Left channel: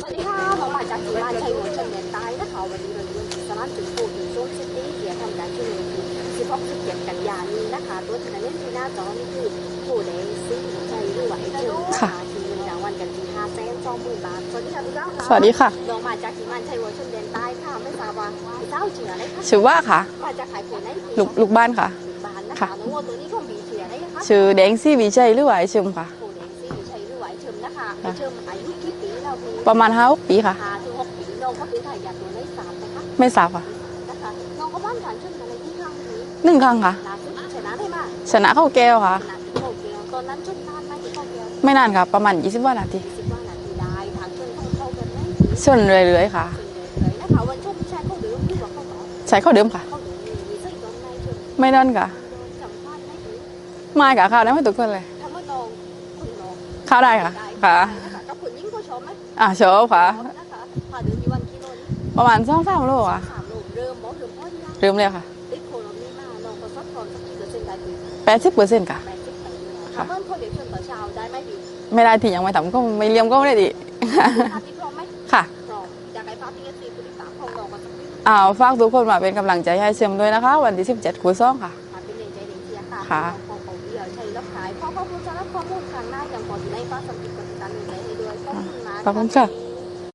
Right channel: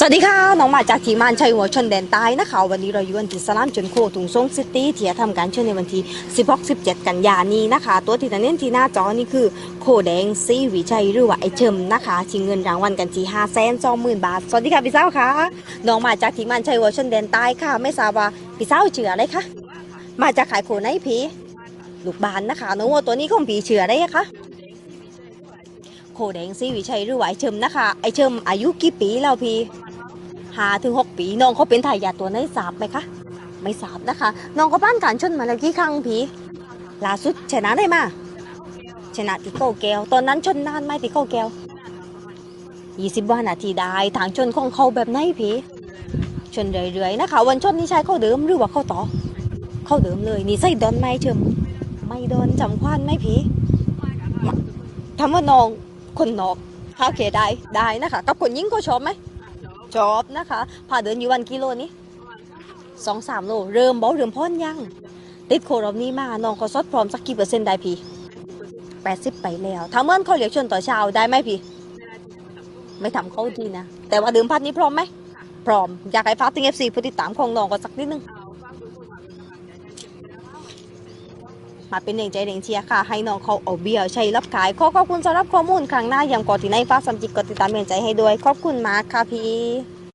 สวัสดีค่ะ น้องมาจากทีมานชัยหัวชนแดนใต้นะคะ วันนี้เราอยู่กันที่สลามจนโคตุงซงซิตี้ที่จะทำการเชิญในวันที่16-17 กันยานี้นะคะ ตัวที่จะเน้นที่หน้าจอนี่คือ โคแดงซีวิชัยหรือว่าไอเชิมนะคะชิงเงินรางวัลกันที่5แสนสองหมื่นบาท สวัสดีค่ะพี่สาวค่ะสวัสดีค่ะ น้องมาจากทีมงานชัยหัวชนแดนใต้ค่ะ ไม่ทราบว่าพี่สาวเชื่ออะไรคะชื่อว่าค่ะ มาจากขายโคไหนพีลูกลูกบ้านค่ะ ลูกบานนะคะน้องวัวตัวนี้ของผีเชื่อได้คะชื่อแดงซี่วีชัยหรือว่าไอชิมค่ะโคแดงซีวิชัยหรือว่าไอเชิมนะคะไอเชิมอายุกี่ปีแล้วพี่ประมาณห้าปีค่ะห้าถึงหกปีน้องเขาเป็นทายาทตัวไหนทราบไหมคะไม่ทราบค่ะไม่ทราบนะคะ น้องเขาบ้านการชนมาแล้วกี่ครั้งพีหนึ่งครั้งค่ะล่าสุดชนะได้มาชนะเข้าแก้วค่ะชนะติโก้แก้ว ตอนนั้นชนนานไหมติโก้แก้วไม่นานค่ะประมาณ 20ว่านาที20ว่านาทีได้ทางชนของเขาแบบไหนพีชนเรื่อยๆค่ะ ชนเรื่อยๆนะคะวันชนนี่ใช้เข้าเดิมหรือว่าเข้าต่อใช้เข้าเดิมค่ะเข้าเดิมเลยนี่ใส่ดอนไหมเชิมไม่นอนค่ะไม่ดอนจำควันไหมพีมากับข้าวได้ไม่ทุกคนเลยทำว่าน้องคนนอกข้าวได้เสียค่ะได้ค่ะได้นะคะกับคนยิ่งเขาชอบไหมอะชอบชค่ะอบนะคะพาเดินอยู่วันกิโลนี้ประมาณสองสามโลสออะงสามโลเริ่มบอกเริ่มพ่นยังเริ่มเลยค่ะ ติดโครอบนี้มาน้องเขาซดพร้อมสักกี่เปอร์เซ็นต์ได้พีแปดสิบเปอร์เซ็นต์ค่ะแปดสิบไปแล้วถ้าเมื่อเขาเรียกชนต่อเช้าได้ไหมพี่ ไม่ได้ที่ยังไม่ทำก็ไม่เลี้ยงก็ไม่ได้ดีนะแต่ว่าดูพัดนี้พร้อมไหมค่ะ พร้อมอยากให้ฟ้าติงเอฟซีผู้ติดตามของน้องก็สักนิดนึงอ่าฝากทุกคนมาเป็นกำลังใจให้เชียมด้วยนะคะ วันที่17คูณสองค่ะ มาเป็นเองใจเองเชียร์ค่ะค่ะให้น้องเขาเอาเบียร์ใช้รับขายขอขอบคุณสำหรับข้อมูลครั้งหน้ายังก่อนที่ในฟ้าสัมจิตกดติดตามเป็นใจให้ด้วยขอบคุณมากขอบค่ะคุณค่ะพี่